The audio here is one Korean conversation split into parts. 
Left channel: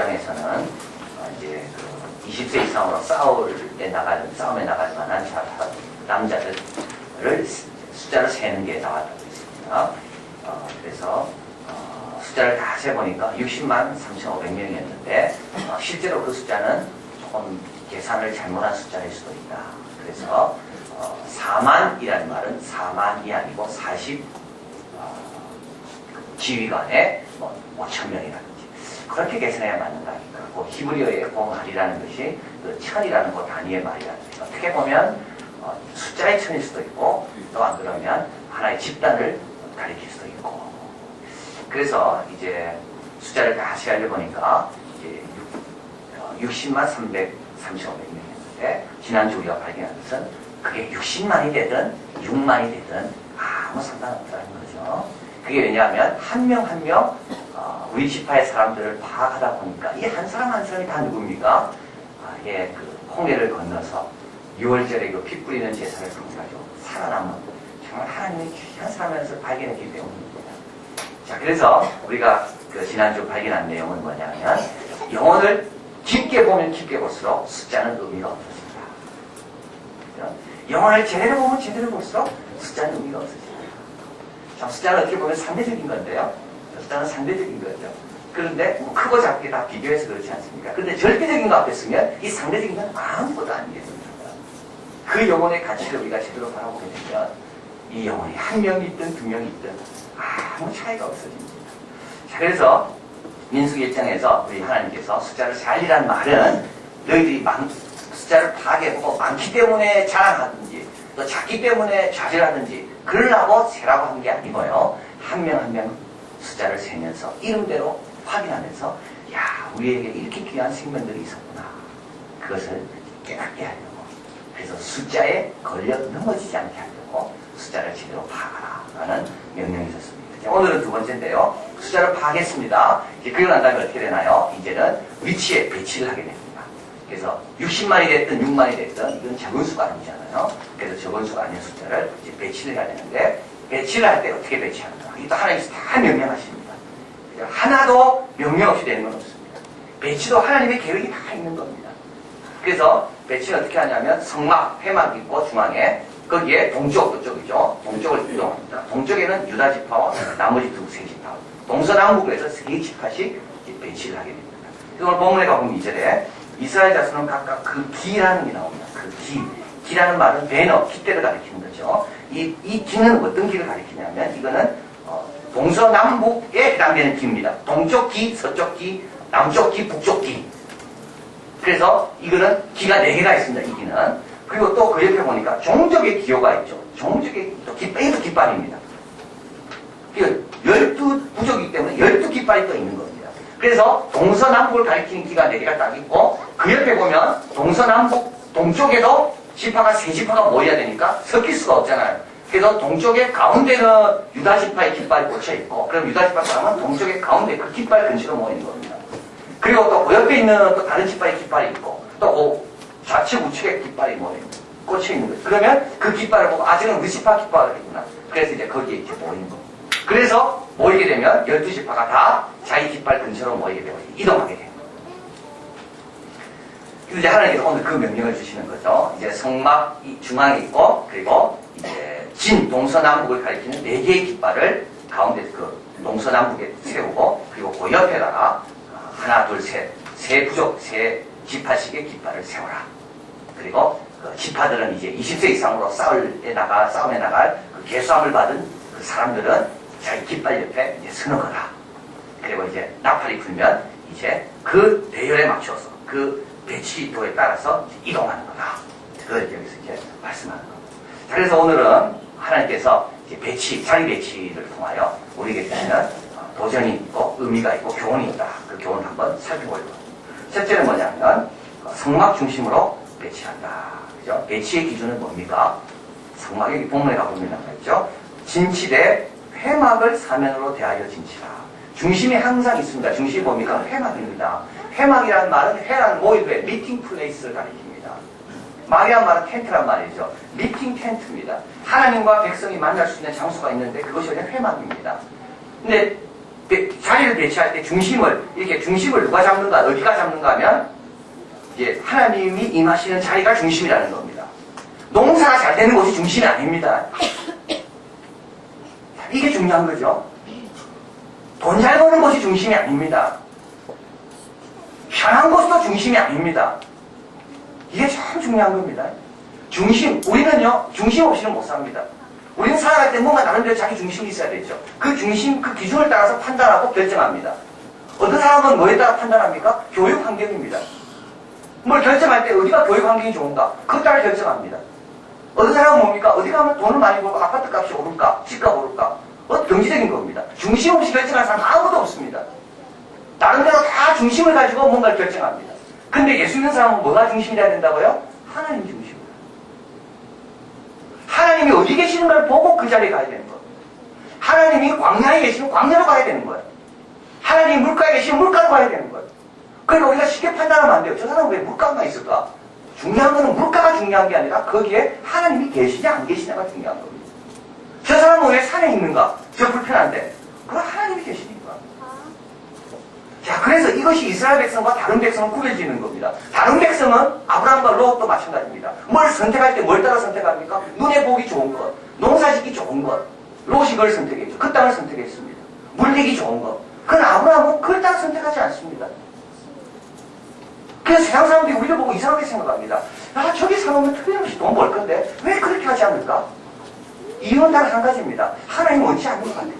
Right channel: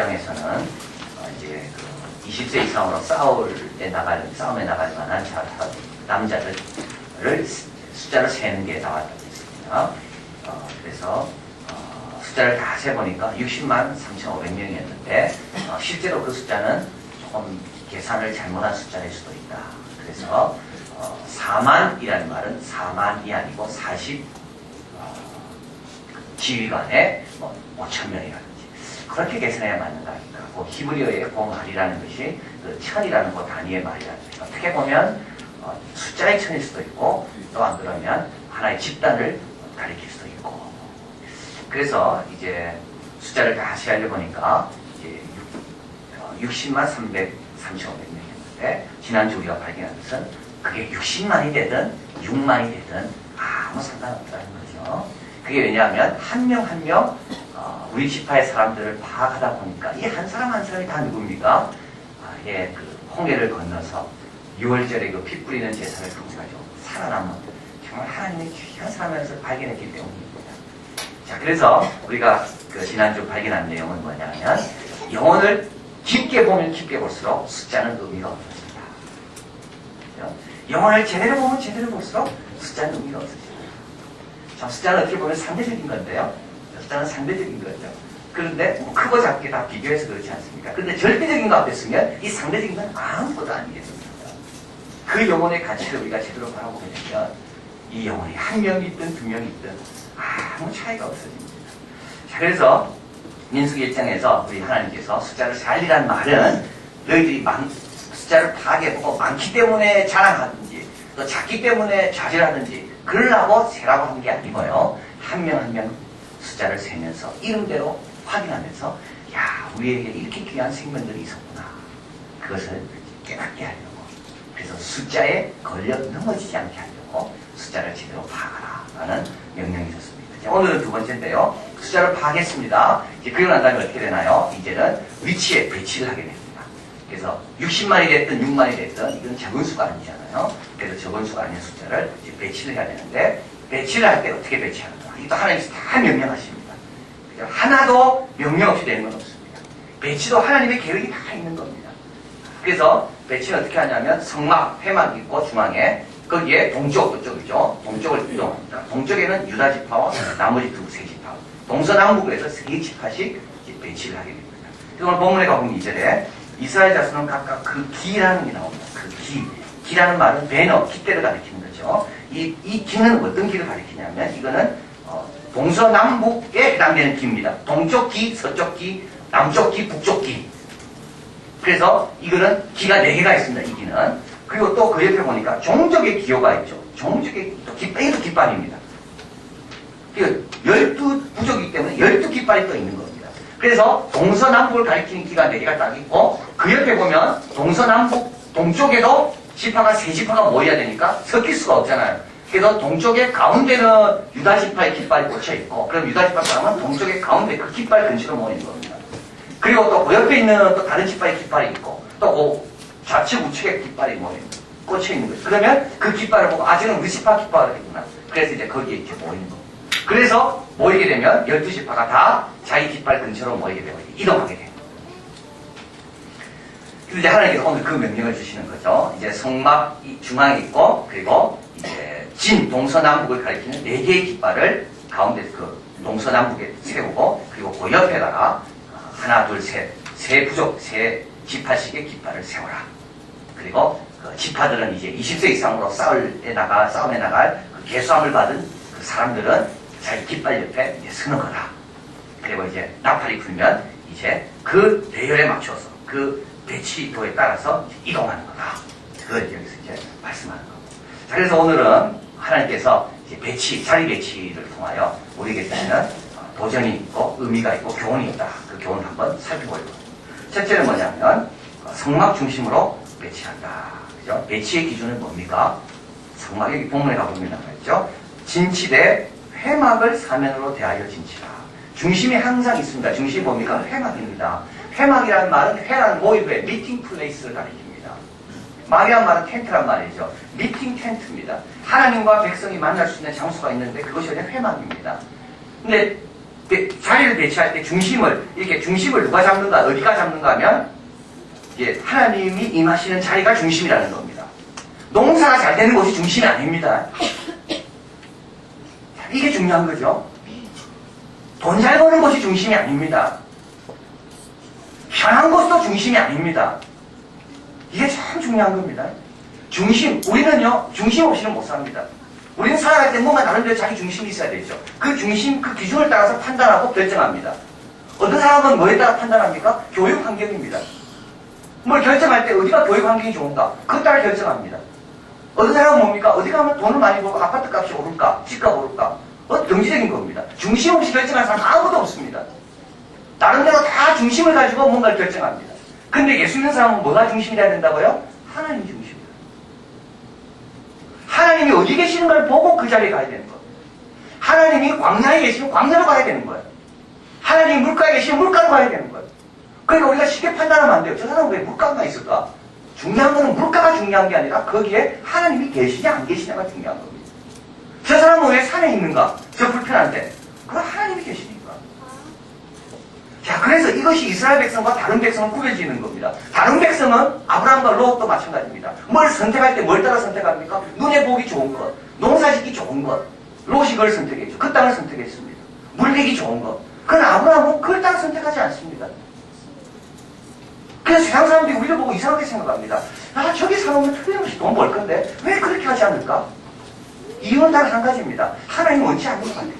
입장에서는 이제 그 20세 이상으로 싸움에 나갈 만한 남자들을 숫자를 세는 게 나왔다고 했습니다. 그래서 숫자를 다 세보니까 60만 3,500명이었는데 실제로 그 숫자는 조금 계산을 잘못한 숫자일 수도 있다. 그래서 4만이라는 말은 4만이 아니고 40 지휘관에 5,000명이라든지 그렇게 계산해야 맞는다 하니까 그 히브리어의 공알이라는 것이 그 천이라는 그 단위의 말이라는 것이 어떻게 보면 숫자의 천일 수도 있고 또 안 그러면 하나의 집단을 가리킬 수도 있고 그래서 이제 숫자를 다시 알려보니까 이제 60만 3,500명이었는데 지난주 우리가 발견한 것은 그게 60만이 되든 6만이 되든 아무 상관없다는 거죠. 그게 왜냐하면 한 명 한 명 우리 지파의 사람들을 파악하다 보니까 이 한 사람 한 사람이 다 누굽니까? 그 홍해를 건너서 6월절에 그 피 뿌리는 제사를 통해가지고 살아남은 정말 하나님의 귀한 사람을 발견했기 때문입니다. 자, 그래서 우리가 그 지난주 발견한 내용은 뭐냐면 영혼을 깊게 보면 깊게 볼수록 숫자는 의미가 없어집니다. 그렇죠? 영혼을 제대로 보면 제대로 볼수록 숫자는 의미가 없어집니다. 자, 숫자는 어떻게 보면 상대적인 건데요. 숫자는 상대적인 거죠. 그런데 뭐 크고 작게 다 비교해서 그렇지 않습니까? 그런데 절대적인 거 앞에 쓰면 이 상대적인 건 아무것도 아니게 됩니다. 그 영혼의 가치를 우리가 제대로 바라보게 되면 이 영혼이 한 명이 있든 두 명이 있든 아무 차이가 없어집니다. 자, 그래서 민수기 입장에서 우리 하나님께서 숫자를 살리란 말은 너희들이 숫자를 파괴하고 많기 때문에 자랑하든지 또 작기 때문에 좌절하든지 그러라고 세라고 하는 게 아니고요. 한 명 한 명 숫자를 세면서 이름대로 확인하면서 야, 우리에게 이렇게 귀한 생명들이 있었구나. 그것을 깨닫게 하려고. 그래서 숫자에 걸려 넘어지지 않게 하려고 숫자를 제대로 파악하라 라는 명령이 있었습니다. 자, 오늘은 두 번째인데요. 숫자를 파악했습니다. 이제 그러고 난 다음에 어떻게 되나요? 이제는 위치에 배치를 하게 됩니다. 그래서 60만이 됐든 6만이 됐든 이건 적은 수가 아니잖아요. 그래서 적은 수가 아닌 숫자를 이제 배치를 해야 되는데 배치를 할 때 어떻게 배치하는가? 이것도 하나님께서 다 명령하십니다. 하나도 명령 없이 되는 건 없습니다. 배치도 하나님의 계획이 다 있는 겁니다. 그래서 배치는 어떻게 하냐면 성막, 회막이 있고 중앙에 거기에 동쪽, 그쪽이죠. 동쪽을 이동합니다. 동쪽에는 유다 지파와 나머지 세 지파, 동서남북으로 해서 세 지파씩 배치를 하게 됩니다. 오늘 본문에 가보면 2절에 이스라엘 자손은 각각 그 기라는 게 나옵니다. 그 기. 기라는 말은 배너, 깃대를 가리키는 거죠. 이 기는 어떤 기를 가리키냐면 이거는 동서남북에 해당되는 기입니다. 동쪽 기, 서쪽 기, 남쪽 기, 북쪽 기. 그래서 이거는 기가 4개가 있습니다. 이 기는. 그리고 또 그 옆에 보니까 종족의 기호가 있죠. 종족의 또 이것도 깃발입니다. 12부족이기 때문에 12깃발이 또 있는 겁니다. 그래서 동서남북을 가리키는 기가 4개가 딱 있고 그 옆에 보면 동서남북 동쪽에도 지파가 3지파가 모여야 되니까 섞일 수가 없잖아요. 그래서 동쪽의 가운데는 유다 지파의 깃발이 꽂혀 있고 그럼 유다 지파 사람은 동쪽의 가운데 그 깃발 근처로 모이는 겁니다. 그리고 또 그 옆에 있는 또 다른 지파의 깃발이 있고 또 그 좌측 우측의 깃발이 꽂혀 있는 거죠. 그러면 그 깃발을 보고 지금 우리 지파 깃발이구나. 그래서 이제 거기에 이렇게 모이는 겁니다. 그래서 모이게 되면 12지파가 다 자기 깃발 근처로 모이게 되고 이동하게 됩니다. 그래서 이제 하나님께서 오늘 그 명령을 주시는 거죠. 이제 성막 중앙에 있고 그리고 이제 동서남북을 가리키는 4개의 깃발을 가운데 그 동서남북에 세우고 그리고 그 옆에다가 하나, 둘, 세 부족, 세 지파씩의 깃발을 세워라. 그리고 그 지파들은 이제 20세 이상으로 싸움에 나갈 그 계수함을 받은 그 사람들은 자기 깃발 옆에 이제 서는 거다. 그리고 이제 나팔이 불면 이제 그 대열에 맞춰서 그 배치도에 따라서 이동하는 거다. 그걸 여기서 이제 말씀하는 겁니다. 자, 그래서 오늘은 하나님께서 이제 자리 배치를 통하여 우리에게 주시는 도전이 있고 의미가 있고 교훈이 있다. 그 교훈을 한번 살펴볼 겁니다. 첫째는 뭐냐면 성막 중심으로 배치한다. 그죠? 배치의 기준은 뭡니까? 성막 여기 본문에 가보면 나와있죠. 진치되 회막을 사면으로 대하여 진치라. 중심이 항상 있습니다. 중심이 뭡니까? 회막입니다. 회막이라는 말은 회라는 모의부의 미팅 플레이스를 가리킵니다. 막이란 말은 텐트란 말이죠. 미팅 텐트입니다. 하나님과 백성이 만날 수 있는 장소가 있는데 그것이 그냥 회막입니다. 근데 자리를 배치할 때 이렇게 중심을 누가 잡는가, 어디가 잡는가 하면, 이제 하나님이 임하시는 자리가 중심이라는 겁니다. 농사가 잘 되는 곳이 중심이 아닙니다. 이게 중요한 거죠. 돈 잘 버는 곳이 중심이 아닙니다. 편한 곳도 중심이 아닙니다. 이게 참 중요한 겁니다. 우리는요, 중심 없이는 못 삽니다. 우리는 살아갈 때 뭔가 나름대로 자기 중심이 있어야 되죠. 그 중심, 그 기준을 따라서 판단하고 결정합니다. 어떤 사람은 뭐에 따라 판단합니까? 교육 환경입니다. 뭘 결정할 때 어디가 교육 환경이 좋은가? 그것 따라 결정합니다. 어떤 사람은 뭡니까? 어디 가면 돈을 많이 벌고 아파트 값이 오를까? 집값 오를까? 경제적인 겁니다. 중심 없이 결정하는 사람 아무도 없습니다. 나름대로 다 중심을 가지고 뭔가를 결정합니다. 근데 예수 믿는 사람은 뭐가 중심이 돼야 된다고요? 하나님이 중심입니다. 하나님이 어디 계시는가를 보고 그 자리에 가야 되는 거예요. 하나님이 광야에 계시면 광야로 가야 되는 거예요. 하나님이 물가에 계시면 물가로 가야 되는 거예요. 그러니까 우리가 쉽게 판단하면 안 돼요. 저 사람은 왜 물가가 있을까? 중요한 거는 물가가 중요한 게 아니라 거기에 하나님이 계시냐 안 계시냐가 중요한 겁니다. 저 사람은 왜 산에 있는가? 저 불편한데. 그건 하나님이 계시니까. 자, 그래서 이것이 이스라엘 백성과 다른 백성은 구별지는 겁니다. 다른 백성은 아브라함과 롯도 마찬가지입니다. 뭘 선택할 때 뭘 따라 선택합니까? 눈에 보기 좋은 것, 농사짓기 좋은 것. 롯이 그걸 선택했죠. 그 땅을 선택했습니다. 물리기 좋은 것. 그러나 아브라함은 그걸 따라 선택하지 않습니다. 그래서 세상 사람들이 우리를 보고 이상하게 생각합니다. 아, 저기 사놓으면 틀림없이 돈 벌 건데 왜 그렇게 하지 않을까? 이유는 단 한 가지입니다. 하나님 원치 않는 것 같아요.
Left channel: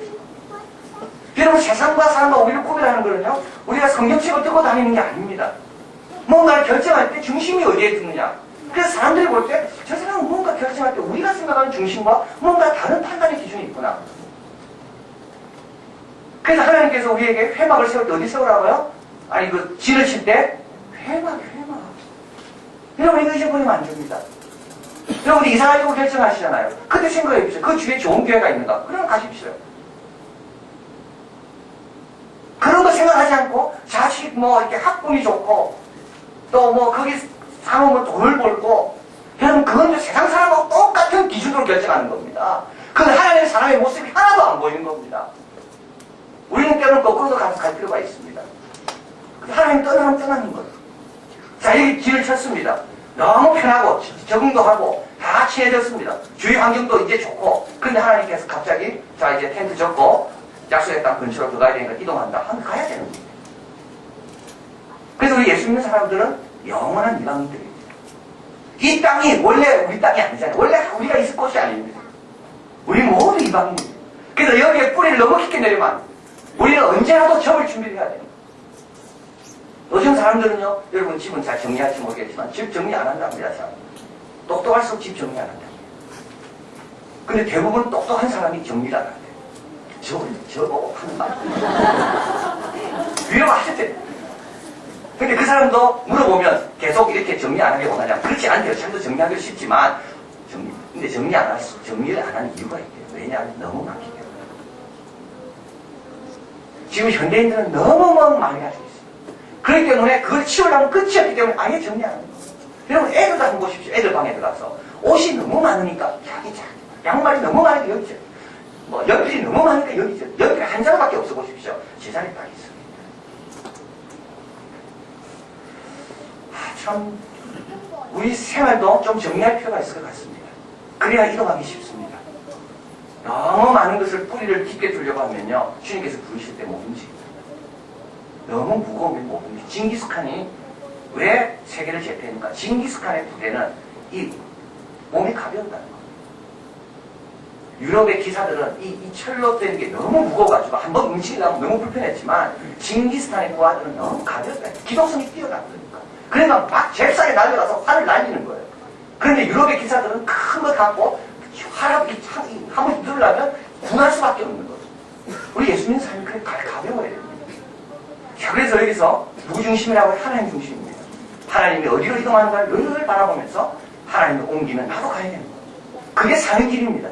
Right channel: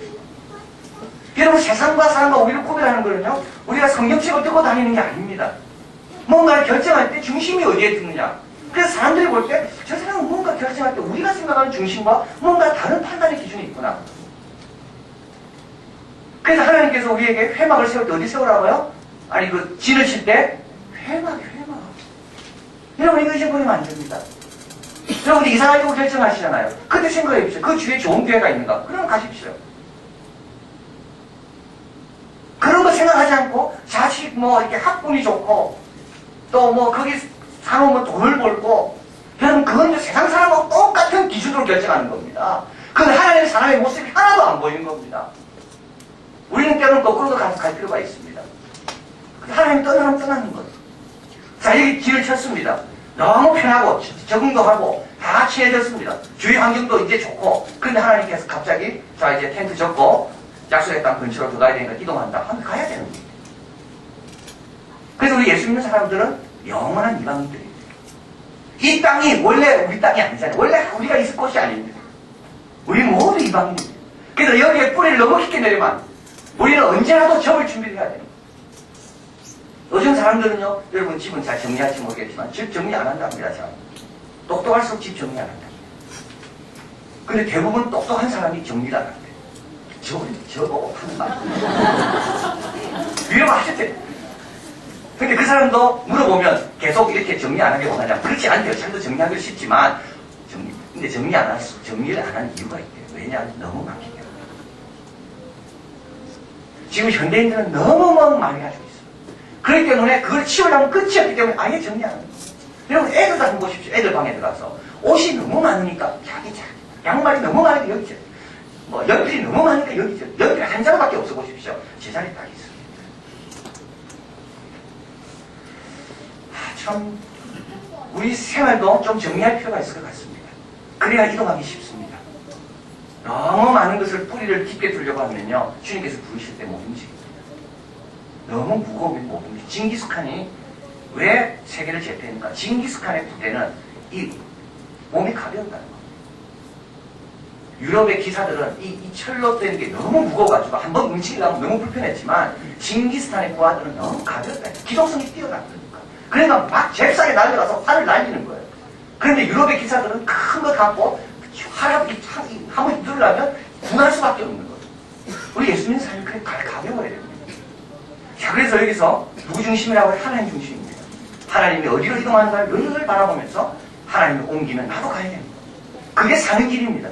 여러분, 세상과 사람과 우리를 구별하는 거는요, 우리가 성경책을 들고 다니는 게 아닙니다. 뭔가를 결정할 때 중심이 어디에 두느냐. 그래서 사람들이 볼 때 저 사람은 뭔가 결정할 때 우리가 생각하는 중심과 뭔가 다른 판단의 기준이 있구나. 그래서 하나님께서 우리에게 회막을 세울 때 어디 세우라고요? 아니, 그 진을 칠 때 회막. 여러분, 이거 잊어버리면 안 됩니다. 여러분이 이사 가지고 결정하시잖아요. 그때 생각해 보세요. 그 주위에 좋은 교회가 있는가? 그럼 가십시오. 그런 거 생각하지 않고 자식 이렇게 학군이 좋고 또 거기 사놓으면 돈을 벌고, 여러분, 그건 세상 사람하고 똑같은 기준으로 결정하는 겁니다. 그건 하나님의 사람의 모습이 하나도 안 보이는 겁니다. 우리는 때로는 거꾸로도 갈 필요가 있습니다. 하나님 떠나면 떠나는 거예요. 자, 여기 길을 쳤습니다. 너무 편하고 적응도 하고 다 친해졌습니다. 주위 환경도 이제 좋고, 그런데 하나님께서 갑자기 자, 이제 텐트 쳤고 약속의 땅 근처로 들어가야 되니까 이동한다 하면 가야 되는 거예요. 그래서 우리 예수 믿는 사람들은 영원한 이방인들입니다. 이 땅이 원래 우리 땅이 아니잖아요. 원래 우리가 있을 곳이 아닙니다. 우리 모두 이방인입니다. 그래서 여기에 뿌리를 너무 깊게 내리면 안 돼요. 우리는 언제라도 접을 준비를 해야 돼요. 요즘 사람들은요, 여러분 집은 잘 정리할지 모르겠지만 집 정리 안 한답니다. 참. 똑똑할수록 집 정리 안 한답니다. 근데 대부분 똑똑한 사람이 정리를 안 한대요. 저거 하는 말. 위험하셨대요. 근데 그 사람도 물어보면 계속 이렇게 정리 안 하길 원하냐? 그렇지 않대요. 자기도 정리하기를 쉽지만 근데 정리를 안 하는 이유가 있대요. 왜냐하면 너무 많기 때문에. 지금 현대인들은 너무 많이 가지고 있어요. 그렇기 때문에 그걸 치우려면 끝이 없기 때문에 아예 정리 안 하는 거예요. 여러분, 애들도 한번 보십시오. 애들 방에 들어가서 옷이 너무 많으니까 자기 양말이 너무 많으니까 여기죠. 연필이 너무 많으니까 여기죠. 연필 한 장밖에 없어 보십시오. 제자리에 딱 있습니다. 참 우리 생활도 좀 정리할 필요가 있을 것 같습니다. 그래야 이동하기 쉽습니다. 너무 많은 것을 뿌리를 깊게 두려고 하면요, 주님께서 부르실 때 못 움직입니다. 너무 무거우면 못 움직입니다. 징기스칸이 왜 세계를 제패했는가? 징기스칸의 부대는 이 몸이 가벼웠다는 겁니다. 유럽의 기사들은 이 철로 된 게 너무 무거워가지고 한번 움직이려면 너무 불편했지만 징기스칸의 부하들은 너무 가볍다. 기동성이 뛰어났거든요. 그러니까 막 잽싸게 날려가서 활을 날리는 거예요. 그런데 유럽의 기사들은 큰 거 갖고 활을 한 번씩 누르려면 분할 수밖에 없는 거예요. 우리 예수 믿는 사람이 그렇게 가벼워야 됩니다. 자, 그래서 여기서 누구 중심이라고 해요? 하나님 중심입니다. 하나님이 어디로 이동하는가를 늘 바라보면서 하나님을 옮기면 나도 가야 됩니다. 그게 사는 길입니다.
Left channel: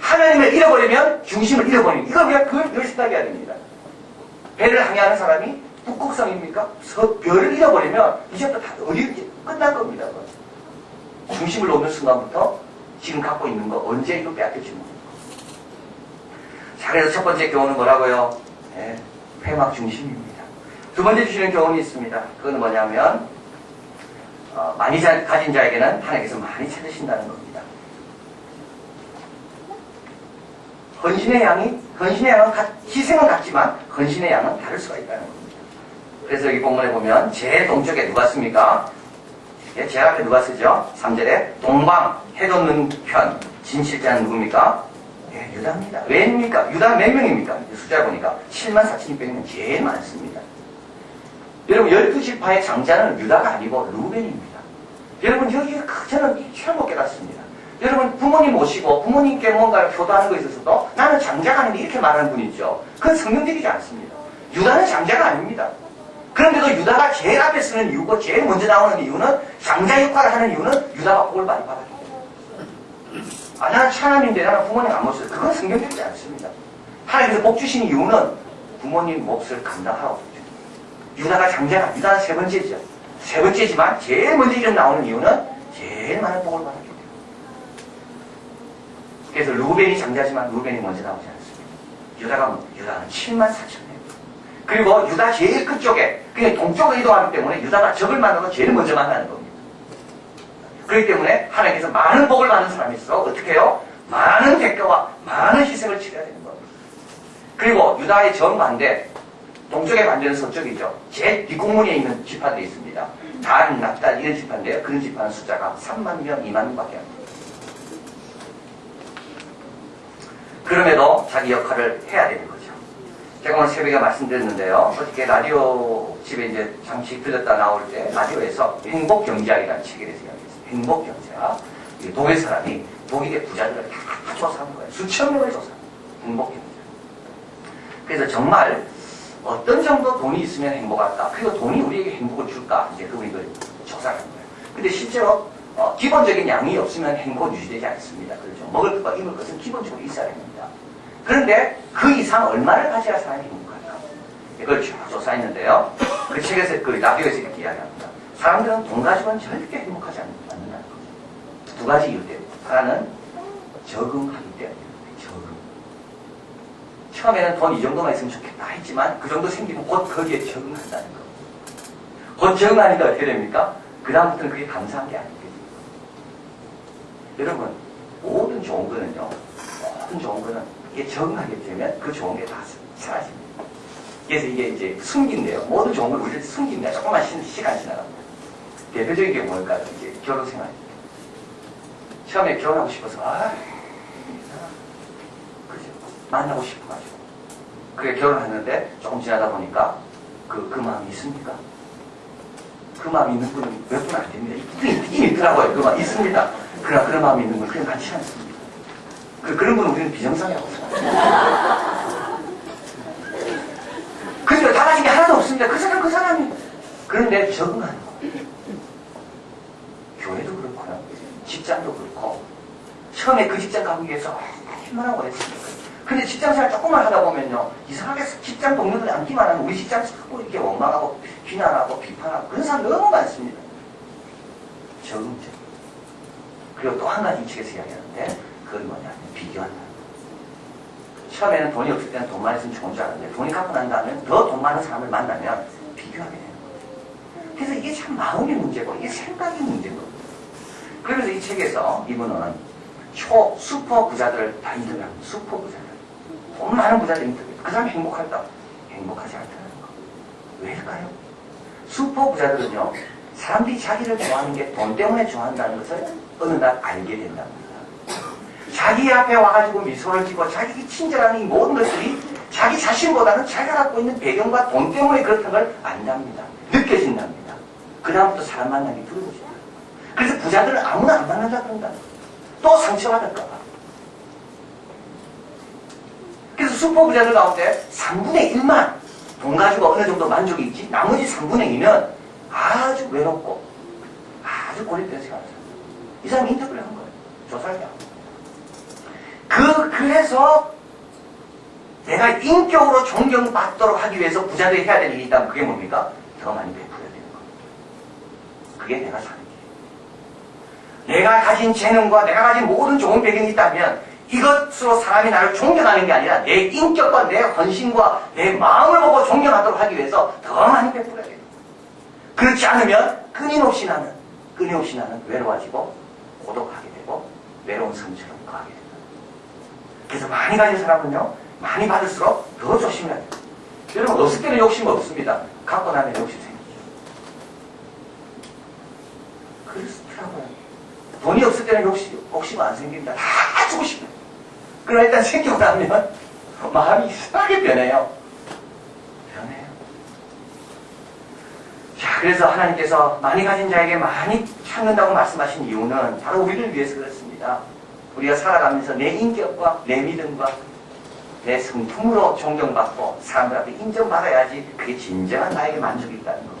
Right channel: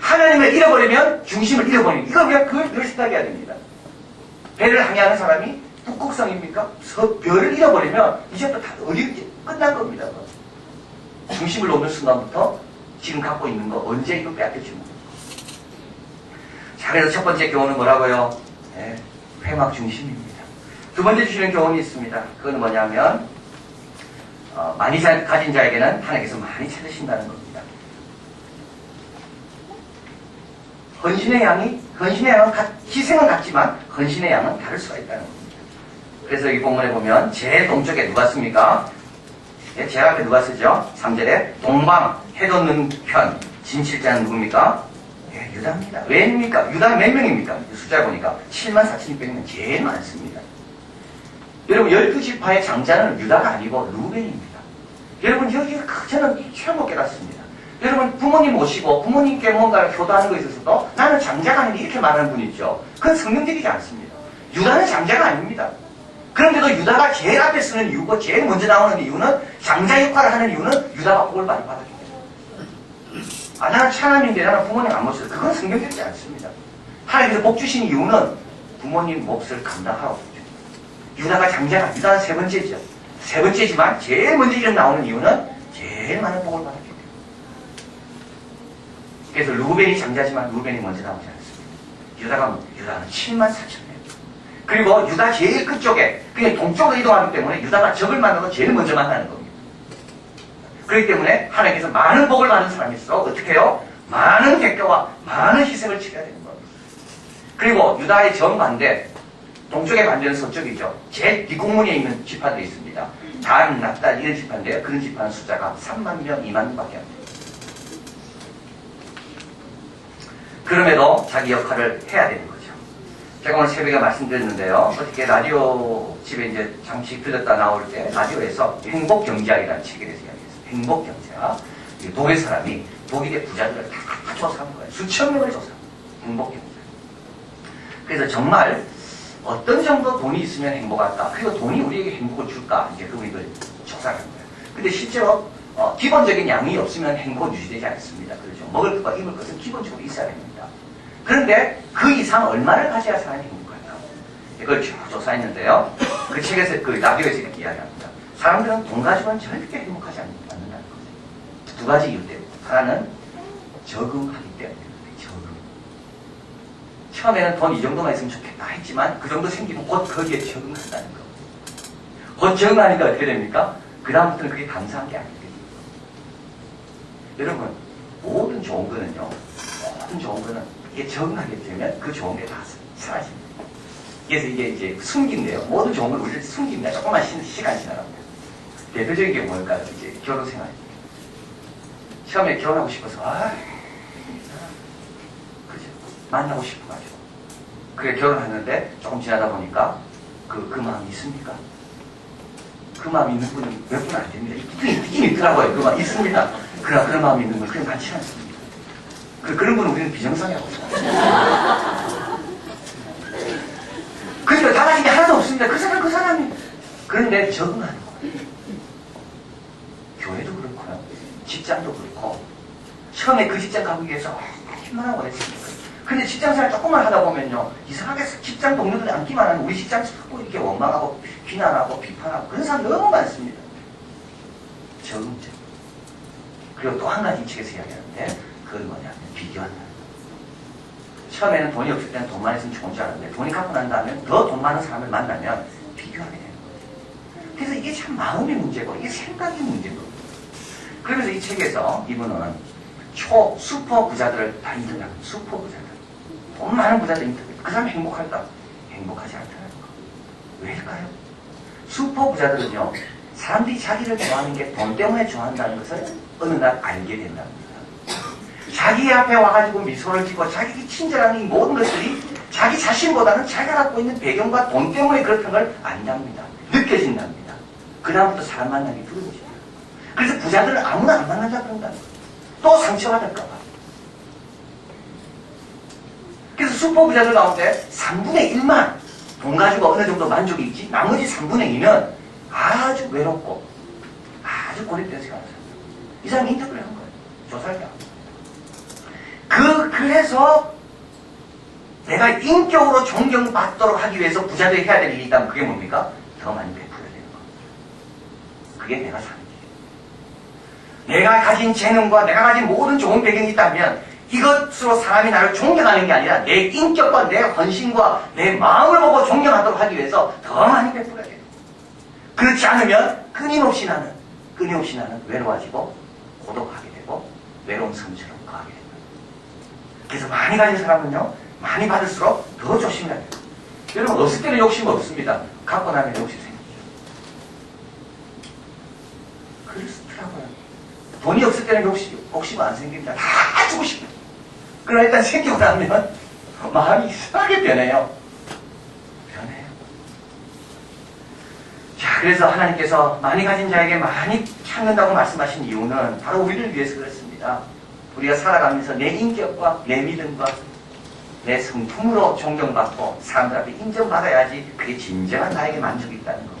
하나님을 잃어버리면 중심을 잃어버리는, 이거 우리가 그걸 늘 생각해야 됩니다. 배를 항해하는 사람이 북극성입니까? 별을 잃어버리면 이제부터 다 어디 끝난 겁니다. 중심을 놓는 순간부터 지금 갖고 있는 거 언제 이거 빼앗길지 모릅니다. 자, 그래서 첫 번째 교훈은 뭐라고요? 회막 중심입니다. 두 번째 주시는 교훈이 있습니다. 그건 뭐냐면 많이 가진 자에게는 하나님께서 많이 찾으신다는 겁니다. 헌신의 양은 희생은 같지만 헌신의 양은 다를 수가 있다는 겁니다. 그래서 이 본문에 보면 제일 동쪽에 누가 씁니까? 제일 앞에 누가 쓰죠? 3절에 동방 해 돋는 편 진실자는 누굽니까? 유다입니다. 왜입니까? 유다는 몇 명입니까? 숫자 보니까 74,600명 제일 많습니다. 여러분 12지파의 장자는 유다가 아니고 루벤입니다. 여러분 여기가 저는 처음 깨닫습니다. 여러분 부모님 모시고 부모님께 뭔가를 효도하는 것에 있어서도 나는 장자가 아닌데 이렇게 말하는 분 있죠. 그건 성경적이지 않습니다. 유다는 장자가 아닙니다. 그런데도 유다가 제일 앞에 쓰는 이유고 제일 먼저 나오는 이유는 장자 역할을 하는 이유는 유다가 복을 많이 받았기 때문에. 나는 차남인데 나는 부모님 안 모셔서 그건 성경적이지 않습니다. 하나님께서 복 주신 이유는 부모님 몫을 감당하라고 주죠. 유다가 장자가 유다는 세 번째죠. 세 번째지만 제일 먼저 이름 나오는 이유는 제일 많은 복을 받았기 때문에. 그래서 루벤이 장자지만 루벤이 먼저 나오지 않습니다. 유다는 74,000명. 그리고 유다 제일 끝쪽에 그냥 동쪽으로 이동하기 때문에 유다가 적을 만나도 제일 먼저 만나는 겁니다. 그렇기 때문에 하나님께서 많은 복을 받는 사람이 있어 어떻게 해요? 많은 대가와 많은 희생을 치러야 되는 겁니다. 그리고 유다의 정반대 동쪽의 반대는 서쪽이죠. 제일 뒷공문에 있는 지파들이 있습니다. 단, 납달 이런 지파인데요. 그런 지파는 숫자가 3만 명, 2만 명밖에 안 돼요. 그럼에도 자기 역할을 해야 되는 거죠. 제가 오늘 새벽에 말씀드렸는데요. 어떻게 라디오 집에 이제 잠시 들렸다 나올 때 라디오에서 행복경제학이라는 책에 대해서 이야기했어요. 행복경제학. 독일 사람이 독일의 부자들을 다 조사한 거예요. 수천 명을 조사한 거예요. 행복경제학. 그래서 정말 어떤 정도 돈이 있으면 행복할까? 그리고 돈이 우리에게 행복을 줄까? 이제 그걸 조사한 거예요. 근데 실제로 기본적인 양이 없으면 행복은 유지되지 않습니다. 그렇죠? 먹을 것과 입을 것은 기본적으로 있어야 됩니다. 그런데 그 이상 얼마를 가져야 사람이 행복할까? 이걸 쭉 조사했는데요. 그 책에서, 그 라디오에서 이렇게 이야기합니다. 사람들은 돈 가지고는 절대 행복하지 않는다는 거죠. 두 가지 이유 때문에. 하나는 적응하기 때문입니다. 적응. 처음에는 돈 이 정도만 있으면 좋겠다 했지만 그 정도 생기면 곧 거기에 적응한다는 거. 곧 적응하니까 어떻게 됩니까? 그 다음부터는 그게 감사한 게 아니에요. 여러분, 모든 좋은 거는요, 이게 적응하게 되면 그 좋은 게 다 사라집니다. 그래서 이게 이제 숨긴데요. 모든 좋은 걸 우리를 숨깁니다. 조금만 시간 지나갑니다. 대표적인 게 뭘까요? 이제 결혼 생활입니다. 처음에 결혼하고 싶어서, 그죠? 만나고 싶어가지고. 그래, 결혼했는데 조금 지나다 보니까 그 마음이 있습니까? 그 마음이 있는 분은 몇 분 안 됩니다. 있긴 있더라고요. 그 마음이 있습니다. 그러나 그런 마음이 있는 건 그냥 많지 않습니다. 그런 분은 우리는 비정상이라고 생각합니다. 그러니까 다 가진 게 하나도 없습니다. 그 사람이. 그런데 적응하는 거예요. 교회도 그렇고요. 직장도 그렇고. 처음에 그 직장 가기 위해서 얼마나 오랬습니까? 근데 직장생활 조금만 하다 보면요. 이상하게 직장 동료들이 앉기만 하면 우리 직장 자꾸 이렇게 원망하고 비난하고 비판하고 그런 사람 너무 많습니다. 적응적. 그리고 또 한 가지 이 책에서 이야기하는데 그건 뭐냐면 비교한다. 처음에는 돈이 없을 때는 돈만 있으면 좋은 줄 알았는데 돈이 갖고 난 다음에 더 돈 많은 사람을 만나면 비교하게 되는 거예요. 그래서 이게 참 마음의 문제고 이게 생각의 문제고. 그러면서 이 책에서 이분은 슈퍼 부자들을 다 인터뷰합니다. 슈퍼 부자들. 돈 많은 부자들 인터뷰. 그 사람이 행복할까? 행복하지 않다는 거. 왜일까요? 슈퍼 부자들은요. 사람들이 자기를 좋아하는 게 돈 때문에 좋아한다는 것을 어느 날 알게 된답니다. 자기 앞에 와가지고 미소를 짓고 자기 친절한 이 모든 것들이 자기 자신보다는 자기가 갖고 있는 배경과 돈 때문에 그렇다는 걸 안답니다. 느껴진답니다. 그 다음부터 사람 만나기 두려워집니다. 그래서 부자들은 아무나 안 만나자 그런다는 거예요. 또 상처받을까봐. 그래서 슈퍼 부자들 가운데 3분의 1만 돈 가지고 어느 정도 만족이 있지 나머지 3분의 2는 아주 외롭고 아주 고립돼서 가는 사람. 이 사람이 인터뷰를 한 거예요. 조사를 한 거예요. 그래서 내가 인격으로 존경받도록 하기 위해서 부자들이 해야 될 일이 있다면 그게 뭡니까? 더 많이 베풀어야 되는 겁니다. 그게 내가 사는 길이에요. 내가 가진 재능과 내가 가진 모든 좋은 배경이 있다면 이것으로 사람이 나를 존경하는 게 아니라 내 인격과 내 헌신과 내 마음을 보고 존경하도록 하기 위해서 더 많이 베풀어야 돼요. 그렇지 않으면 끊임없이 나는 외로워지고 고독하게 되고 외로운 섬처럼 거하게 됩니다. 그래서 많이 가진 사람은요, 많이 받을수록 더 조심해야 돼요. 여러분, 없을 때는 욕심 없습니다. 갖고 나면 욕심 생기죠. 그렇더라고요. 돈이 없을 때는 욕심 안 생깁니다. 다 주고 싶어요. 그러나 일단 생기고 나면 마음이 이상하게 변해요. 자, 그래서 하나님께서 많이 가진 자에게 많이 찾는다고 말씀하신 이유는 바로 우리를 위해서 그렇습니다. 우리가 살아가면서 내 인격과 내 믿음과 내 성품으로 존경받고 사람들 앞에 인정받아야지 그게 진정한 나에게 만족이 있다는 겁니다.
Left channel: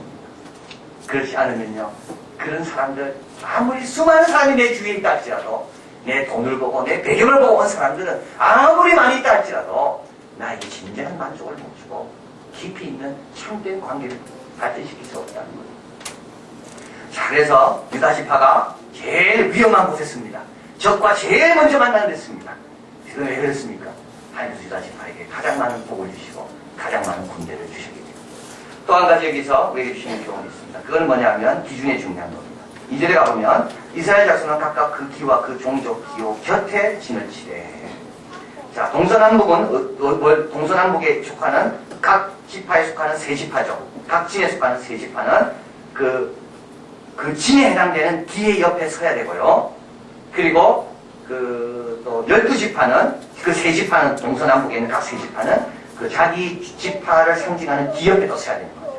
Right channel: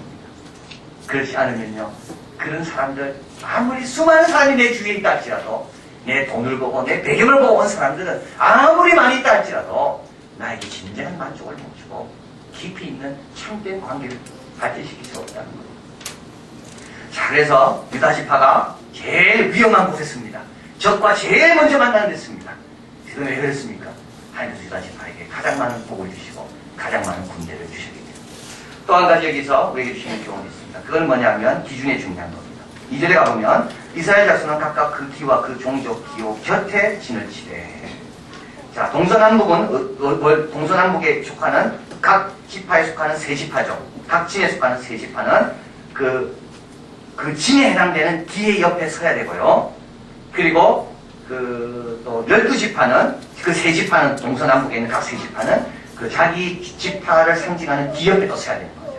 그렇지 않으면요, 그런 사람들, 아무리 수많은 사람이 내 주위에 있다 할지라도, 내 돈을 보고 내 배경을 보고 온 사람들은 아무리 많이 있다 할지라도 나에게 진정한 만족을 못 주고 깊이 있는 참된 관계를 발전시킬 수 없다는 거예요. 자, 그래서 유다 지파가 제일 위험한 곳에 씁니다. 적과 제일 먼저 만나는 데 씁니다. 그건 왜 그랬습니까? 하나님께서 유다 지파에게 가장 많은 복을 주시고 가장 많은 군대를 주셨기 때문에. 또 한 가지 여기서 우리에게 주시는 교훈이 있습니다. 그건 뭐냐면 기준의 중요한 겁니다. 2절에 가보면 이스라엘 자손은 각각 그 기와 그 종족 기호 곁에 진을 치되. 자, 동서남북에 속하는 각 지파에 속하는 세 지파죠. 각 진에 속하는 세 지파는 그 진에 해당되는 기의 옆에 서야 되고요. 그리고 또 12지파는 그 세 지파는 동서남북에 있는 각 세 지파는 그 자기 지파를 상징하는 기 옆에 또 서야 되는 거죠.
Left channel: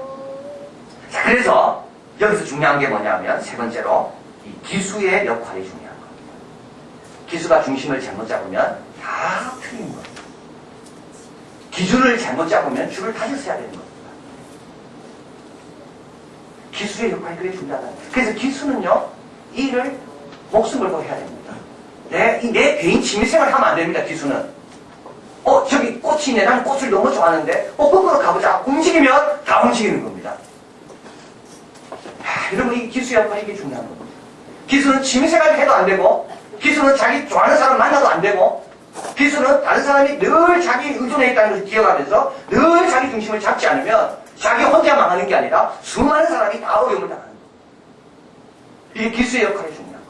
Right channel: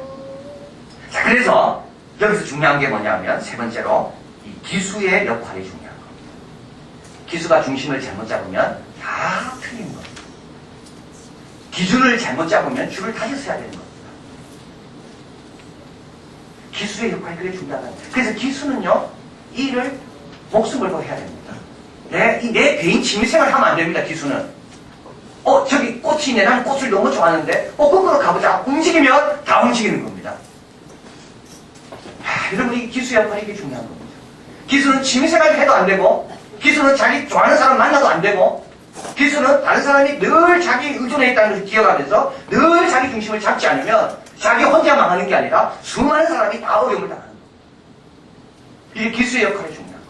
자, 그래서 여기서 중요한 게 뭐냐면 세 번째로 이 기수의 역할이 중요한 겁니다. 기수가 중심을 잘못 잡으면 다 틀린 겁니다. 기준을 잘못 잡으면 줄을 다시 서야 되는 겁니다. 기수의 역할이 그래 중요하다. 그래서 기수는요, 일을 목숨 걸고 해야 됩니다. 내 개인 취미생활 하면 안 됩니다. 기수는. 저기 꽃이 있네. 나는 꽃을 너무 좋아하는데 거꾸로 가보자. 움직이면 다 움직이는 겁니다. 여러분, 이 기수 역할이 이게 중요한 겁니다. 기수는 취미생활 해도 안 되고, 기수는 자기 좋아하는 사람 만나도 안 되고, 기수는 다른 사람이 늘 자기 의존해 있다는 것을 기억하면서 늘 자기 중심을 잡지 않으면 자기 혼자 망하는 게 아니라 수많은 사람이 다 어려움을 당하는 거예요. 이게 기수의 역할이 중요한 거죠.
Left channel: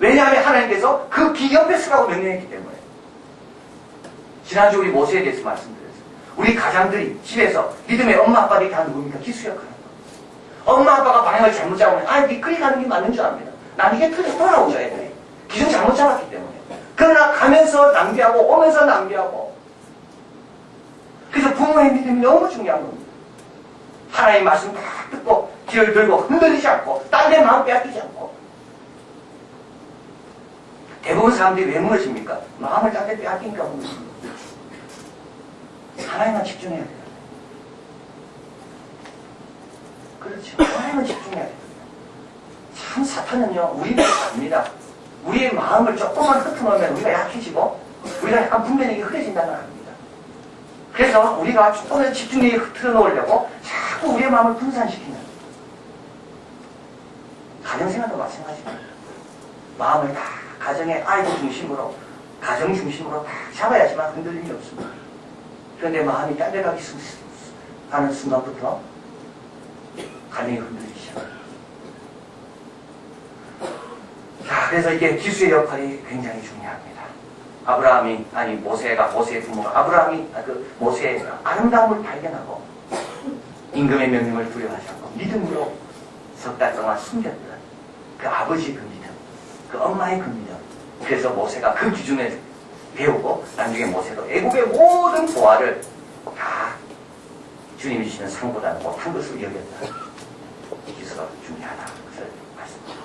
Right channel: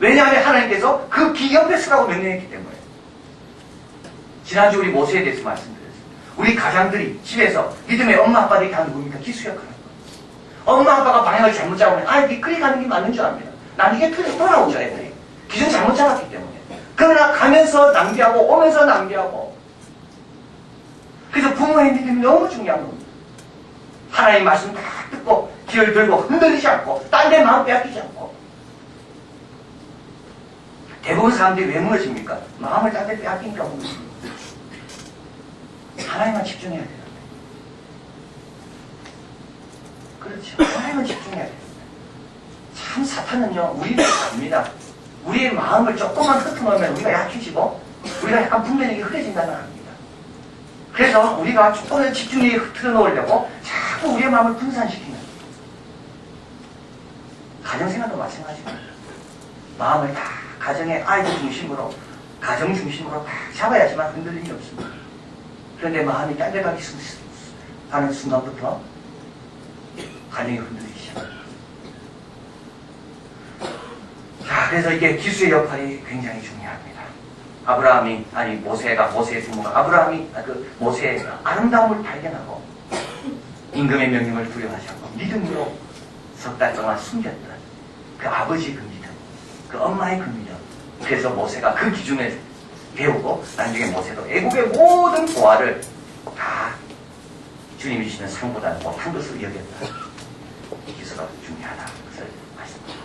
왜냐하면 하나님께서 그 기 옆에 서라고 명령했기 때문에. 지난주 우리 모세에 대해서 말씀드렸어요. 우리 가장들이 집에서 믿음의 엄마 아빠들이 하는 겁니까? 기수 역할을. 엄마 아빠가 방향을 잘못 잡으면 네 그리 가는 게 맞는 줄 압니다. 난 이게 틀려 돌아오죠. 애들이 기준 잘못 잡았기 때문에. 그러나 가면서 낭비하고 오면서 낭비하고. 그래서 부모의 믿음이 너무 중요한 겁니다. 하나님 말씀 다 듣고 길을 들고 흔들리지 않고 딴 데 마음 빼앗기지 않고. 대부분 사람들이 왜 무너집니까? 마음을 딴 데 빼앗기니까 무너집니다. 하나님만 집중해야 돼요. 그렇죠. 하나님만 집중해야 돼요. 참 사탄은요, 우리를 압니다. 우리의 마음을 조금만 흩어놓으면 우리가 약해지고 우리가 약간 분별력이 흐려진다는 걸 압니다. 그래서 우리가 조금의 집중력이 흐트러놓으려고 자꾸 우리의 마음을 분산시키는, 가정생활도 마찬가지입니다. 마음을 다 가정의 아이들 중심으로, 가정 중심으로 다 잡아야지만 흔들림이 없습니다. 그런데 마음이 딴 데 가는 순간부터 가정이 흔들리기 시작합니다. 자, 그래서 이게 기수의 역할이 굉장히 중요합니다. 모세의 부모가 모세의 아름다움을 발견하고 임금의 명령을 두려워하지 않고 믿음으로 석 달 동안 숨겼던 그 아버지 그 믿음, 그 엄마의 그 믿음. 그래서 모세가 그 기준을 배우고 나중에 모세도 애국의 모든 보화를 다 주님이 주시는 상보다는 못한 것으로 여겼다. 이 기수가 중요하다. 그것을 말씀합니다.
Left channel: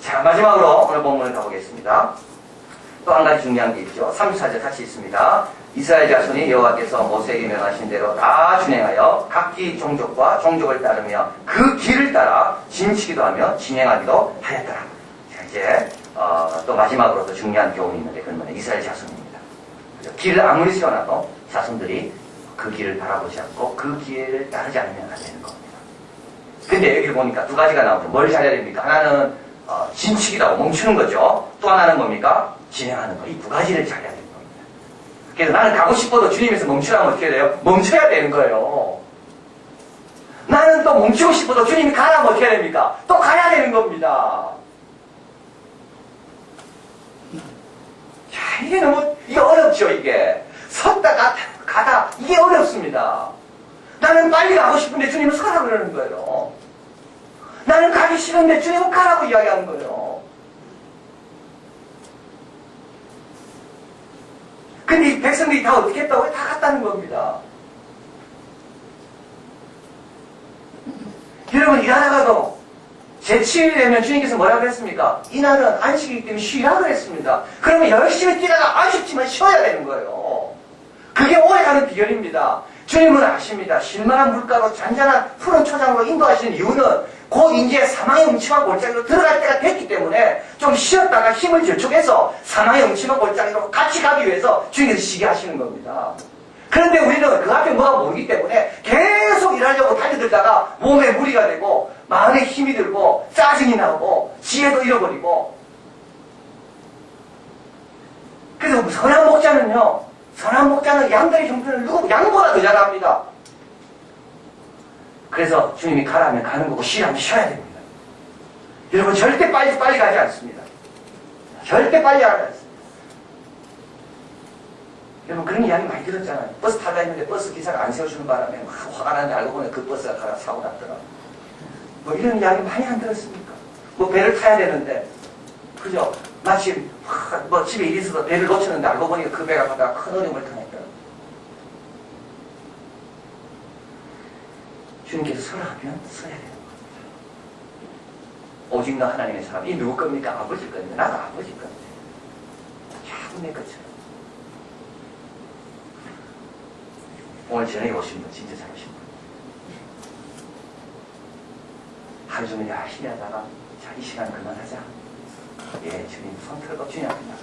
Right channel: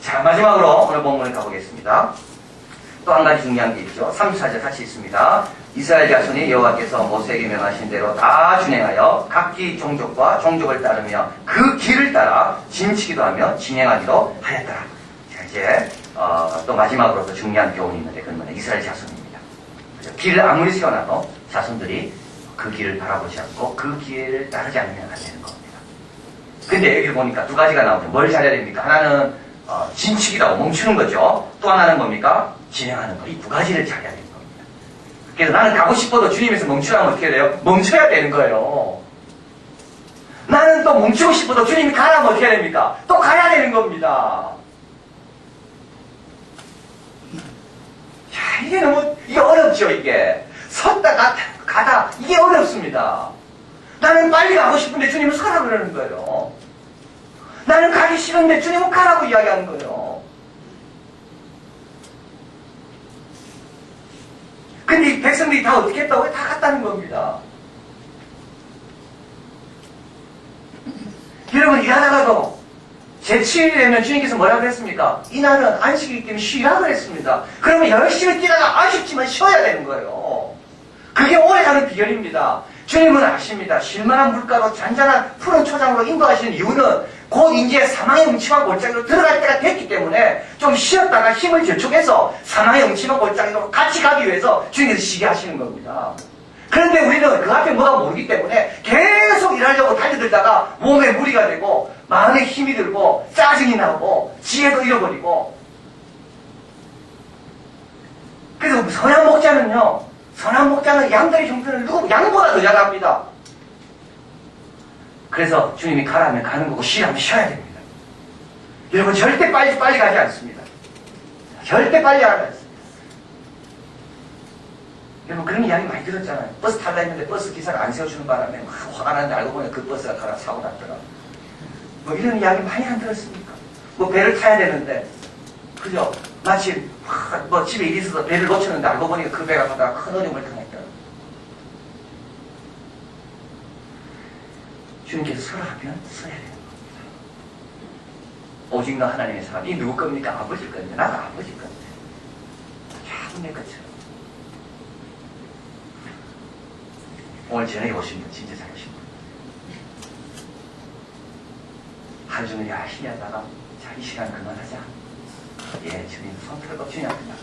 자, 마지막으로 오늘 본문을 가보겠습니다. 또 한 가지 중요한 게 있죠. 34절 같이 있습니다. 이스라엘 자손이 여호와께서 모세에게 명하신 대로 다 준행하여 각기 종족과 종족을 따르며 그 길을 따라 진치기도 하며 진행하기도 하였더라. 자, 이제 또 마지막으로 더 중요한 교훈이 있는데 그건 뭐냐? 이스라엘 자손입니다. 그렇죠? 길을 아무리 세워놔도 자손들이 그 길을 바라보지 않고 그 길을 따르지 않으면 안 되는 겁니다. 근데 여기 보니까 두 가지가 나오죠. 뭘 잘해야 됩니까? 하나는 진치기라고 멈추는 거죠. 또 하나는 뭡니까? 진행하는 거, 이 두 가지를 잘해야 되는 겁니다. 그래서 나는 가고 싶어도 주님에서 멈추라면 어떻게 돼요? 멈춰야 되는 거예요. 나는 또 멈추고 싶어도 주님이 가라면 어떻게 해야 됩니까? 또 가야 되는 겁니다. 자, 이게 어렵죠, 이게. 섰다 가다, 이게 어렵습니다. 나는 빨리 가고 싶은데 주님은 서라 그러는 거예요. 나는 가기 싫은데 주님은 가라고 이야기하는 거예요. 근데 이 백성들이 다 어떻게 했다고요? 다 갔다는 겁니다. 여러분, 일하다가도 제7일이 되면 주님께서 뭐라고 했습니까? 이날은 안식이기 때문에 쉬라 그랬습니다. 그러면 열심히 뛰다가 아쉽지만 쉬어야 되는 거예요. 그게 오래가는 비결입니다. 주님은 아십니다. 쉴만한 물가로 잔잔한 푸른 초장으로 인도하시는 이유는 곧 이제 사망의 음침한 골짜기로 들어갈 때가 됐기 때문에 좀 쉬었다가 힘을 저축해서 사망의 음침한 골짜기로 같이 가기 위해서 주님께서 쉬게 하시는 겁니다. 그런데 우리는 그 앞에 뭐가 모르기 때문에 계속 일하려고 달려들다가 몸에 무리가 되고 마음에 힘이 들고 짜증이 나고 지혜도 잃어버리고. 그래서 선한 목자는 양들의 형편을 누구 양보다 더 잘합니다. 그래서 주님이 가라면 가는 거고 쉬라면 쉬어야 됩니다. 여러분, 절대 빨리 가지 않습니다. 절대 빨리 안 하지. 여러분, 그런 이야기 많이 들었잖아요. 버스 타려 했는데 버스 기사가 안 세워주는 바람에 막 화가 나는데 알고 보니 그 버스가 가다 사고 났더라. 뭐 이런 이야기 많이 안 들었습니까? 뭐 배를 타야 되는데, 그죠? 마침 뭐 집에 일이 있어서 배를 놓쳤는데 알고 보니까 그 배가 가다가 큰 어려움을 당했더라. 주님께서 서라 하면 서야 되는 겁니다. 오직 너 하나님의 사람. 이 누구 겁니까? 아버지 겁니다. 나도 아버지 겁니다. 참 내 것처럼. 오늘 저녁에 오신 분 진짜 잘 오신 분. 하루 종일 열심히 하다가 자, 이 시간 그만하자. 예, 주님 손 털고 주님 앞에 나가.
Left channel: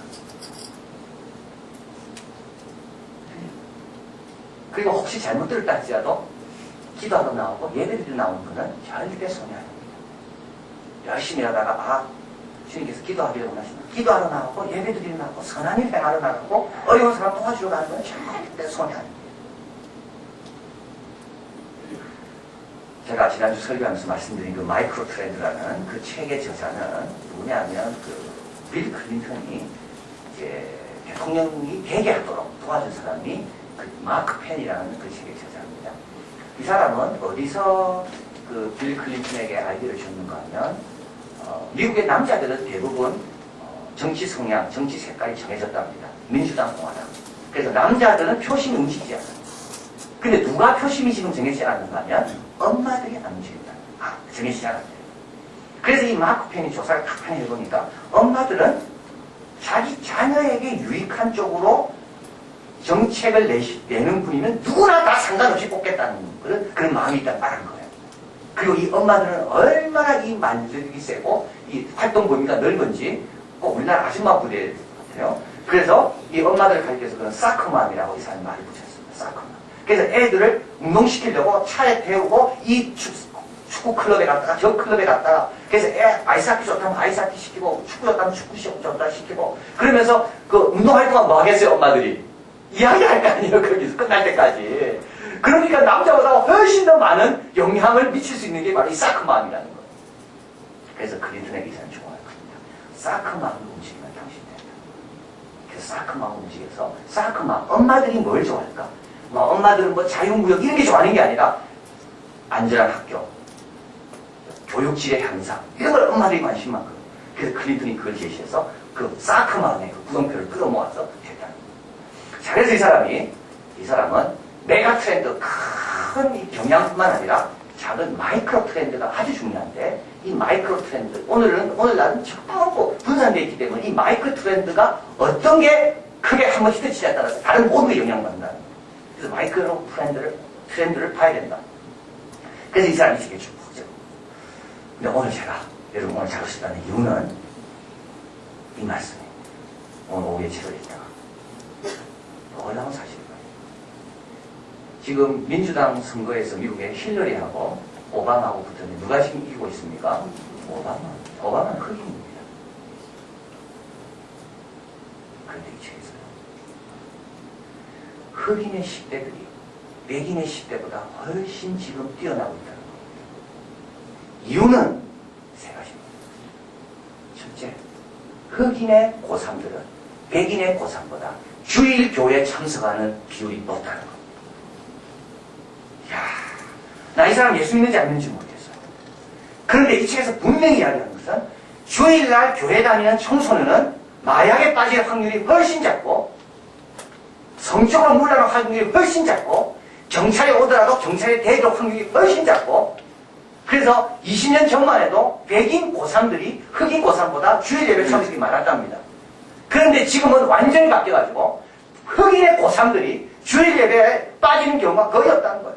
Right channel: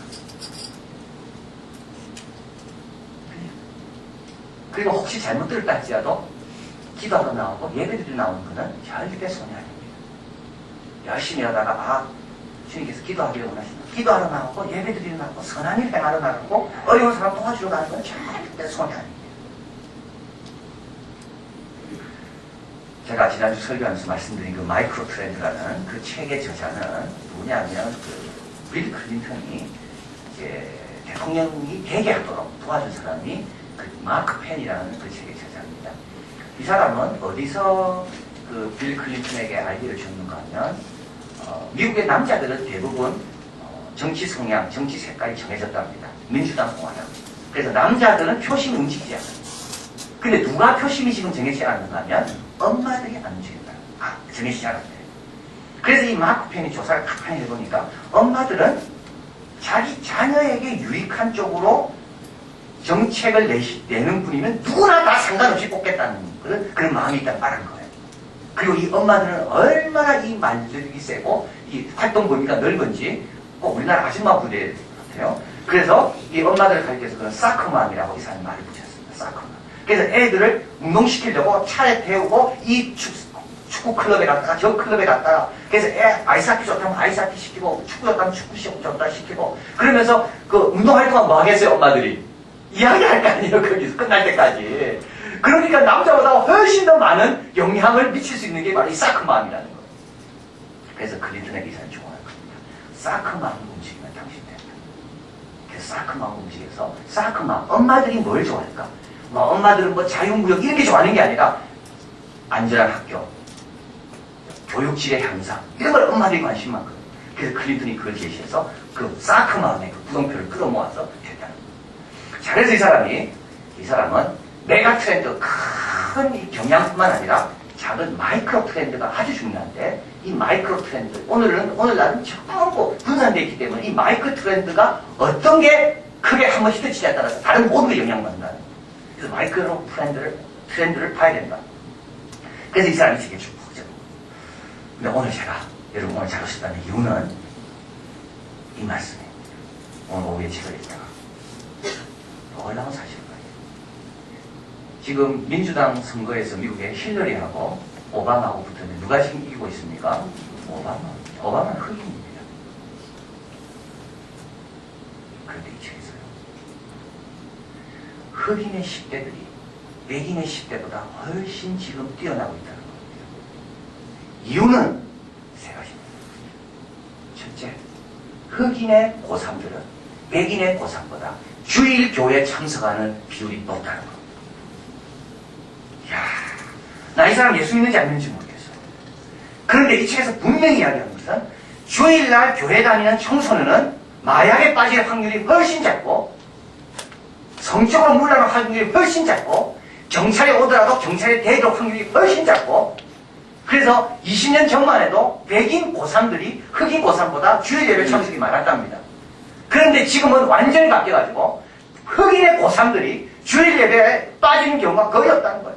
그리고 혹시 잘못 들었다 할지라도 기도하러 나오고 예배드리러 나오는 분은 절대 손이 아닙니다. 열심히 하다가 주님께서 기도하기를 원하시나 기도하러 나오고 예배드리러 나오고 선한 일 행하러 나가고 어려운 사람 도와주러 가는 건 절대 손이 아닙니다. 제가 지난주 설교하면서 말씀드린 그 마이크로 트렌드라는 그 책의 저자는 누구냐면 빌 클린턴이 이제 대통령이 되게 하도록 도와준 사람이 그 마크 펜이라는 그 책의 저자입니다. 이 사람은 어디서 그 빌 클린턴에게 아이디어를 줬는가 하면 미국의 남자들은 대부분 정치 성향, 정치 색깔이 정해졌답니다. 민주당, 공화당. 그래서 남자들은 표심이 움직이지 않아요. 근데 누가 표심이 지금 정해지지 않는가 하면 엄마들이 안 움직인다. 정해지지 않았대요. 그래서 이 마크 펜이 조사를 가만히 해보니까 엄마들은 자기 자녀에게 유익한 쪽으로 정책을 내는 분이면 누구나 다 상관없이 뽑겠다는 그런 마음이 있다는 말한 거예요. 그리고 이 엄마들은 얼마나 이 만들기 세고 이 활동 범위가 넓은지 꼭 우리나라 아줌마 부대 같아요. 그래서 이 엄마들을 가리켜서 그런 사커맘이라고 이 사람이 말을 붙였습니다. 사커맘. 그래서 애들을 운동시키려고 차에 태우고 이 축구 클럽에 갔다가 저 클럽에 갔다가 그래서 애 아이스하키 좋다면 아이스하키 시키고 축구 좋다면 축구 좋다 시키고 그러면서 그 운동할 동안 뭐 하겠어요 엄마들이? 이야기할 거 아니에요 거기서 끝날 때까지. 그러니까 남자보다 훨씬 더 많은 영향을 미칠 수 있는 게 바로 이 사커맘이라는 거예요. 그래서 클린턴의 기사는 좋아할 겁니다. 사커맘을 움직이면 당신 된다. 그래서 사커맘을 움직여서 사커맘 엄마들이 뭘 좋아할까? 뭐 엄마들은 뭐 자유무역 이런 게 좋아하는 게 아니라 안전한 학교, 교육질의 향상 이런 걸 엄마들이 관심 많거든요. 그래서 클린턴이 그걸 제시해서 그 사커맘의 그 구성표를 끌어모아서 했다는 거예요. 자, 그래서 이 사람은 메가 트렌드 큰 이 경향뿐만 아니라 작은 마이크로 트렌드가 아주 중요한데 이 마이크로 트렌드 오늘날은 전부 분산되어 있기 때문에 이 마이크로 트렌드가 어떤 게 크게 한번 히트치냐에 따라서 다른 모든 게 영향받는다는 거예요. 그래서 마이크로 트렌드를 봐야 된다. 그래서 이 사람이 되게 축복하죠. 근데 여러분 오늘 잘 오셨다는 이유는 이 말씀입니다. 오늘 오후에 책을 읽다가 놀라운 사실을 봐요. 지금 민주당 선거에서 미국의 힐러리하고 오바마하고 붙었는데 누가 지금 이기고 있습니까? 오바마는 흑인입니다. 흑인의 10대들이 백인의 10대보다 훨씬 지금 뛰어나고 있다는 겁니다. 이유는 세 가지입니다. 첫째, 흑인의 고3들은 백인의 고3보다 주일 교회 참석하는 비율이 높다는 겁니다. 이야, 나 이 사람 예수 믿는지 안 믿는지 모르겠어. 그런데 이 책에서 분명히 이야기하는 것은 주일날 교회 다니는 청소년은 마약에 빠질 확률이 훨씬 작고 성적으로 물러날 확률이 훨씬 작고 경찰에 오더라도 경찰에 대도록 확률이 훨씬 작고 그래서 20년 전만 해도 백인 고3들이 흑인 고3보다 주일 예배 참석이 많았답니다. 그런데 지금은 완전히 바뀌어가지고 흑인의 고3들이 주일 예배에 빠지는 경우가 거의 없다는 거예요.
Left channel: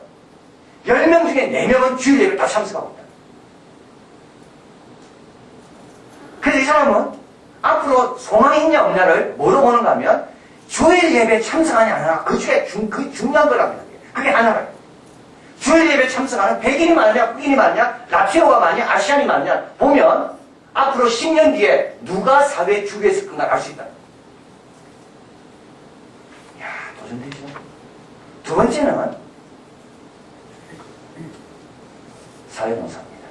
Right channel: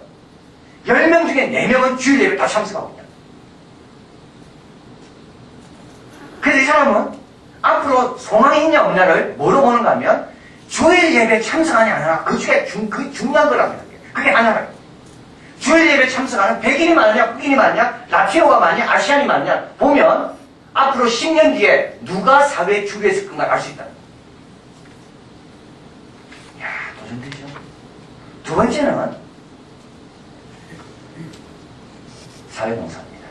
10명 중에 4명은 주일 예배 다 참석하고 있다. 그래서 이 사람은 앞으로 소망이 있냐 없냐를 뭐로 보는가 하면 주일 예배 참석하냐 안 하냐 그 중에 그 중요한 거랍니다. 그게 하나라요. 주일 예배 참석하는 백인이 많으냐 흑인이 많으냐 라티노가 많으냐 아시안이 많으냐 보면 앞으로 10년 뒤에 누가 사회 주류에 설 건가 알 수 있다. 이야, 도전되죠. 두 번째는 사회봉사입니다.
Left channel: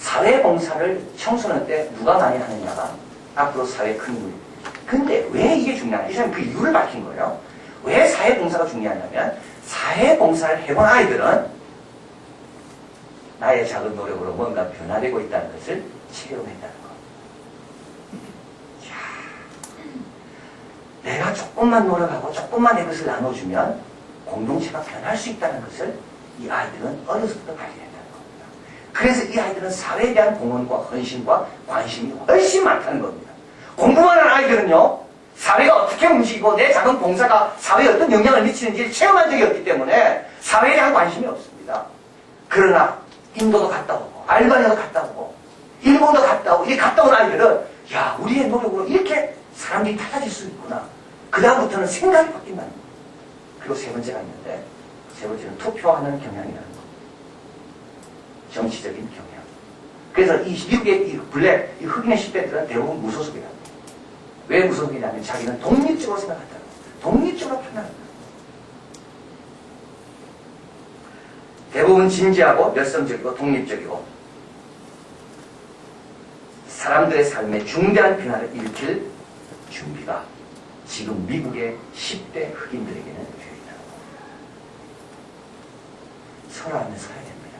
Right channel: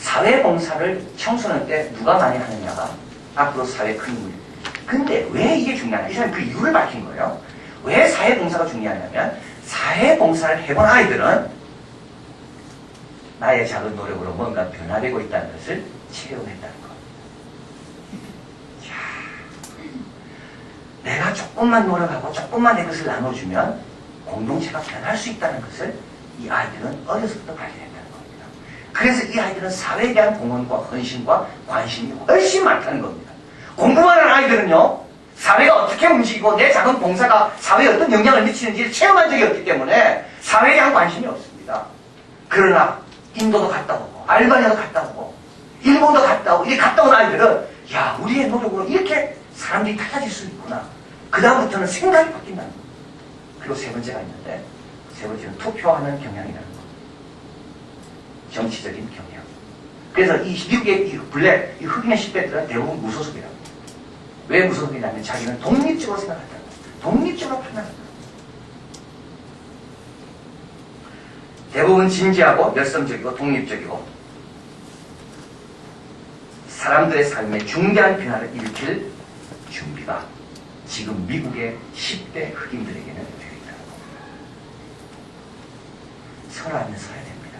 사회봉사를 청소년 때 누가 많이 하느냐가 앞으로 사회에 큰 힘을. 근데 왜 이게 중요하냐? 이 사람이 그 이유를 밝힌 거예요. 왜 사회봉사가 중요하냐면 사회봉사를 해본 아이들은 나의 작은 노력으로 뭔가 변화되고 있다는 것을 체험했다는 것. 내가 조금만 노력하고 조금만 내 것을 나눠주면 공동체가 변할 수 있다는 것을 이 아이들은 어려서부터 발견했다는 겁니다. 그래서 이 아이들은 사회에 대한 공헌과 헌신과 관심이 훨씬 많다는 겁니다. 공부만 하는 아이들은요, 사회가 어떻게 움직이고 내 작은 봉사가 사회에 어떤 영향을 미치는지를 체험한 적이 없기 때문에 사회에 대한 관심이 없습니다. 그러나 인도도 갔다 오고 알바니아도 갔다 오고 일본도 갔다 오고 이렇게 갔다 온 아이들은 야, 우리의 노력으로 이렇게 사람들이 달라질 수 있구나. 그 다음부터는 생각이 바뀐다는 거예요. 그리고 세 번째가 있는데 세 번째는 투표하는 경향이라는 거. 정치적인 경향. 그래서 이 미국의 이 블랙, 이 흑인의 10대들은 대부분 무소속이라고. 왜 무소속이냐면 자기는 독립적으로 생각한다는 거예요. 독립적으로 판단한다. 대부분 진지하고 열성적이고 독립적이고 사람들의 삶에 중대한 변화를 일으킬 준비가 지금 미국의 10대 흑인들에게는 되어 있다는 겁니다. 설하면 서야 됩니다.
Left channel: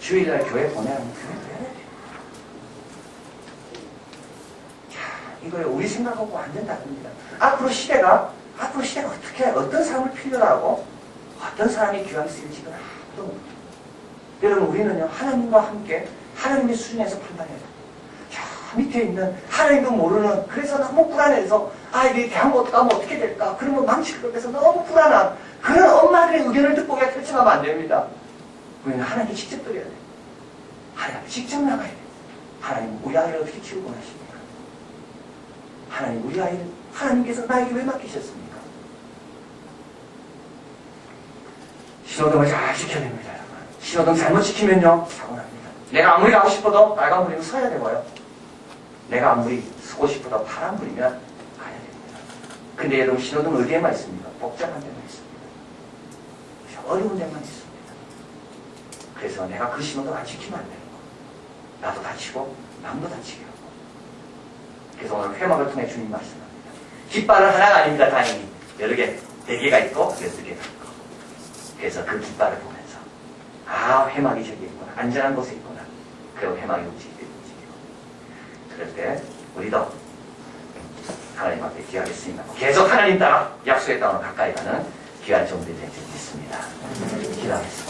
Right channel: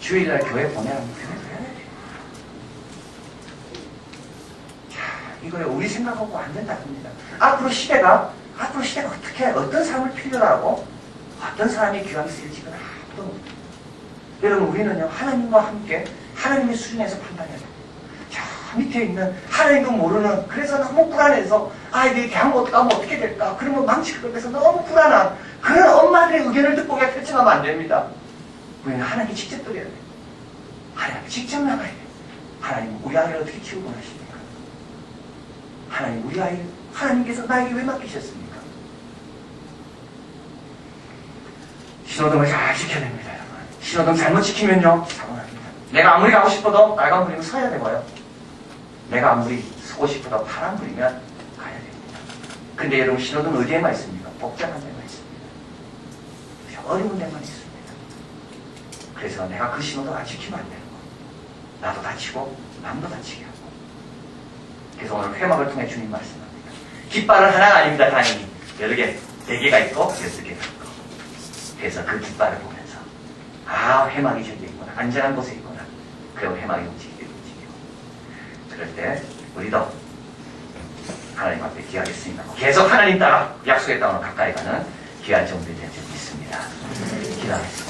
주일날 교회 보내라면 교회도 해야 돼요. 이거를 우리 생각하고 완전 다릅니다. 앞으로 시대가 어떻게, 어떤 사람을 필요로 하고, 어떤 사람이 귀하게 쓰일지는 아무도 모릅니다. 여러분, 우리는요, 하나님과 함께, 하나님의 수준에서 판단해야 됩니다. 저 밑에 있는, 하나님도 모르는, 그래서 너무 불안해서, 아이들이 대학못 가면 어떻게 될까? 그러면 망칠 것 같아서 너무 불안한, 그런 엄마들의 의견을 듣고 그냥 결정하면 안 됩니다. 우리는 하나님께 직접 드려야 돼요. 하나님께 직접 나가야 돼요. 하나님, 우리 아이를 어떻게 키우고 하십니까? 하나님, 우리 아이를 하나님께서 나에게 왜 맡기셨습니까? 신호등을 잘 지켜야 됩니다, 여러분. 신호등 잘못 지키면요, 사고 납니다. 내가 아무리 가고 싶어도 빨간불이면 서야 되고요. 내가 아무리 서고 싶어도 파란불이면 가야 됩니다. 근데 여러분, 신호등 어디에만 있습니까? 복잡한 데만 있습니다. 어려운 데만 있습니다. 그래서 내가 그 신호등 안 지키면 안 되는 거. 나도 다치고, 남도 다치게 하고. 그래서 오늘 회막을 통해 주님 말씀합니다. 깃발은 하나가 아닙니다. 당연히 여러 개, 4개가 있고 6개가 있고. 그래서 그 깃발을 보면서 아, 회막이 저기 있구나. 안전한 곳에 있구나. 그리고 회막이 움직이고. 그럴 때 우리도 하나님 앞에 기하겠습니다. 계속 하나님 따라 약속의 땅으로 가까이 가는 귀한 정들이 될 줄 믿습니다. 기도하겠습니다.